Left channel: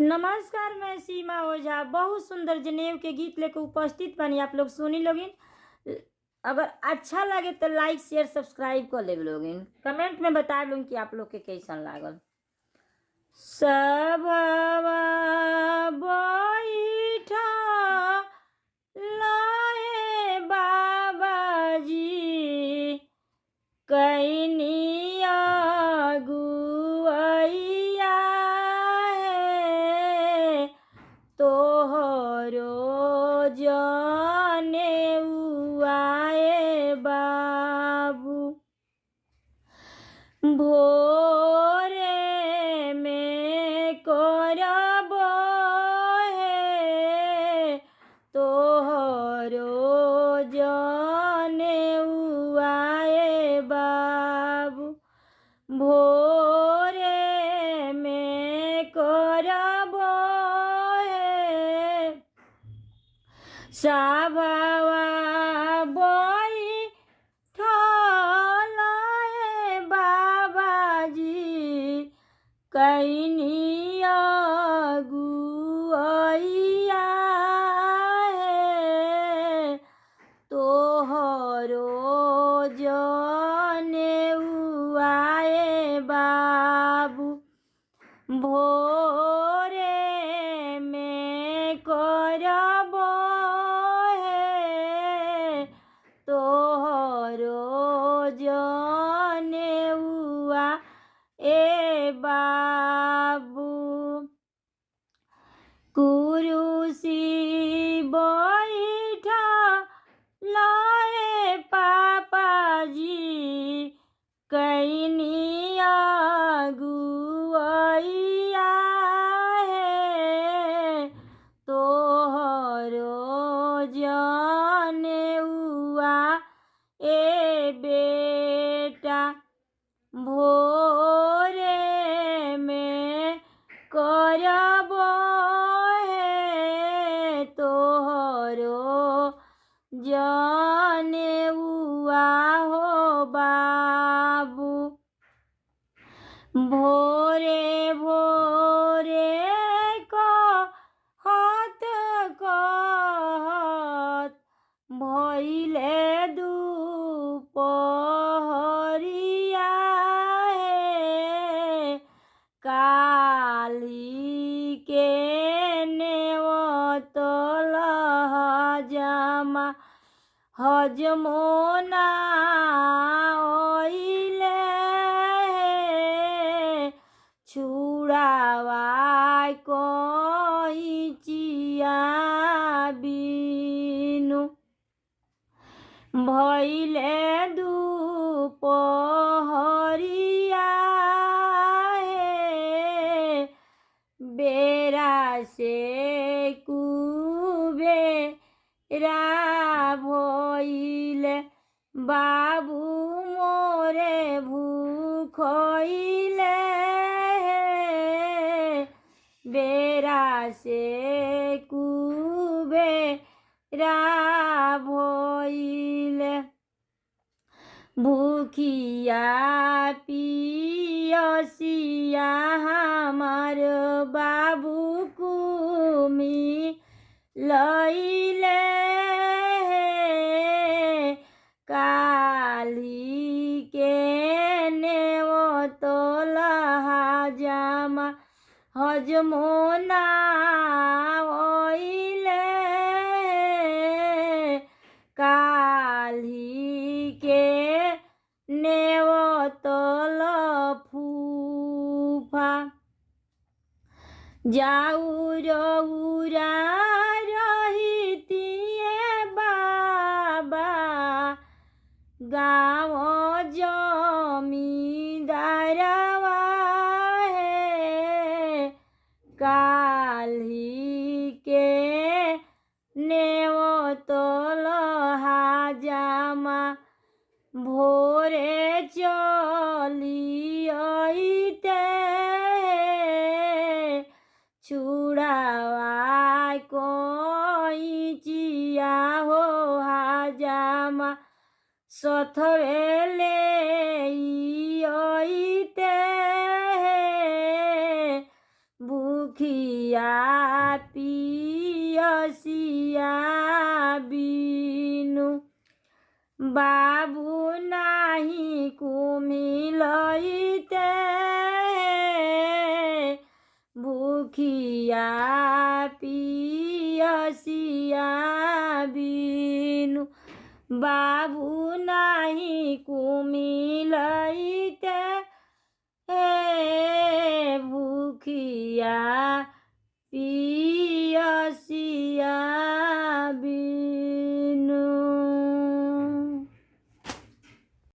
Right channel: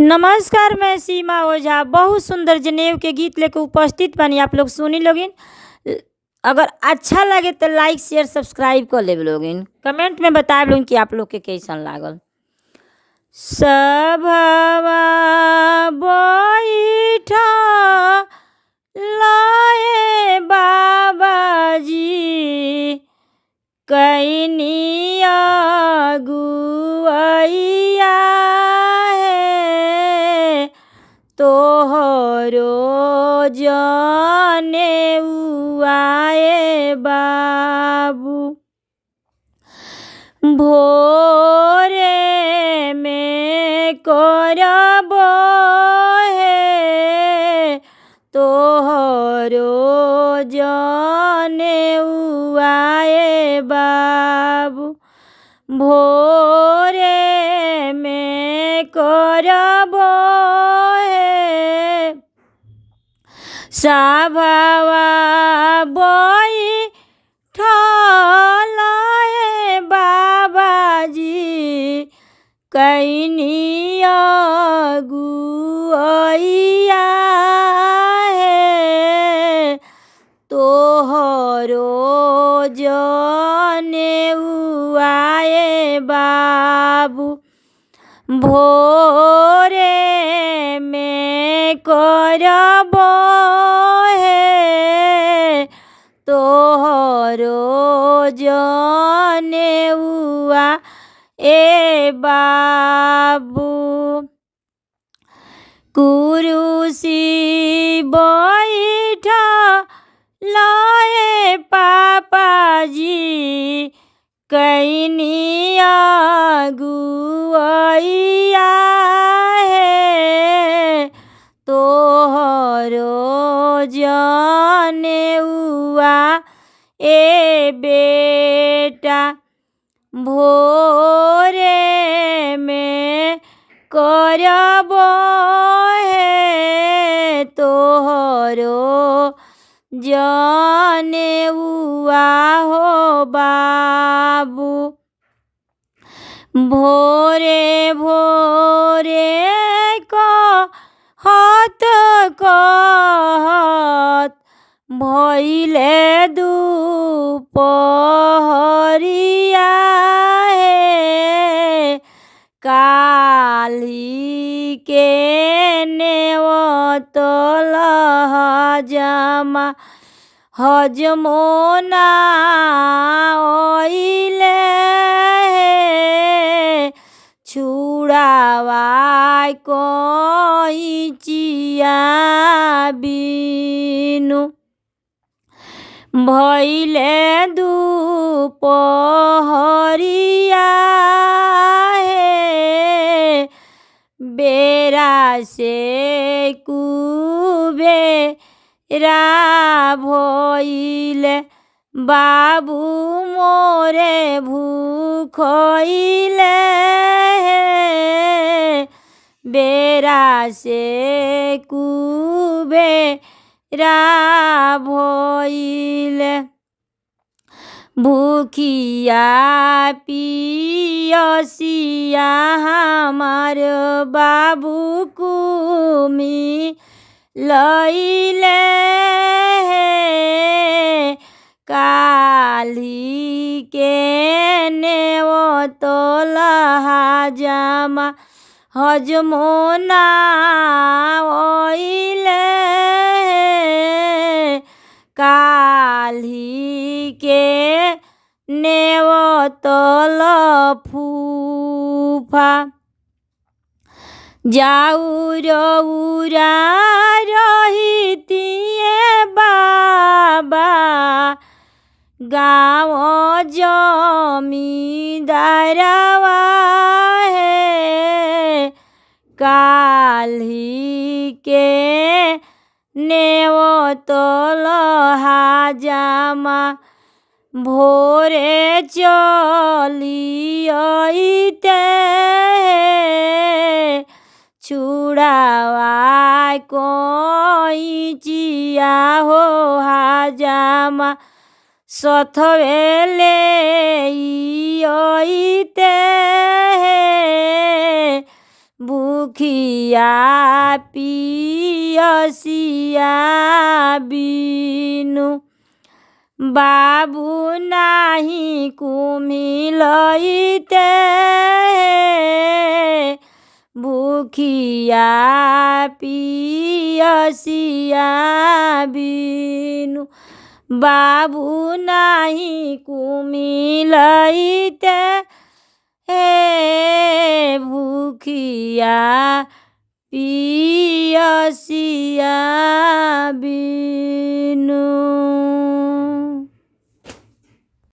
नमस्कार, मैं सीमा ओझा बहुत सुंदर जनेऊ के गीत लेकर उपस्थित बानी। आप लोग सुनी लोगिन। अगर अच्छा लगे तो लाइक शेयर सब्सक्राइब कर ले लोगिन। कमेंट में बताए लोगिन कि आप लोग के कैसन लागल। सभवा बैठा लाए बाबाजी कैनिया गुआइया है तोहरो जने आए बाबू। भोरे में करब है तोहरो जने आए बाबू। भोरे में करब है सभवा बैठल है बाबाजी कैनिया गुआइया है तोहरो जने आए बाबू। भोरे में करब है तोहरो जने ए बाबू। कुरुसी बैठा लाए पापाजी कैनिया गुआइया है तोहरो जने ए बेटा। भोरे में करब है तोहरो जने हो बाबू। भोरे भोरे कहत कहत भइले दुपहरिया है काली के नेवतल हजमा हजमोना ओइले छुड़ावा कोइचिया बिनु। भइले दुपहरिया है बेरा से कुबेरा भइले बाबू मोरे भूखइले बेरा से कुबेरा भइले। भूखिया पियसिया हमार बाबू कुमी लइले काली के नेवतल हजमा हजमोना ओइले काली के नेवतल फूफा। जाऊरउरा रहितिए बाबा गाँव जमींदारवा है काली के नेवतल हजमा भोरे चली अइते छुड़ावा कोइचिया हो हजमा सथवेले अइते भूखिया पियसिया बिनु बाबू नाही कुमिलइते भूखिया पियसिया बिनु बाबू नाही कुमिलइते हे भूखिया पियसिया बिनु।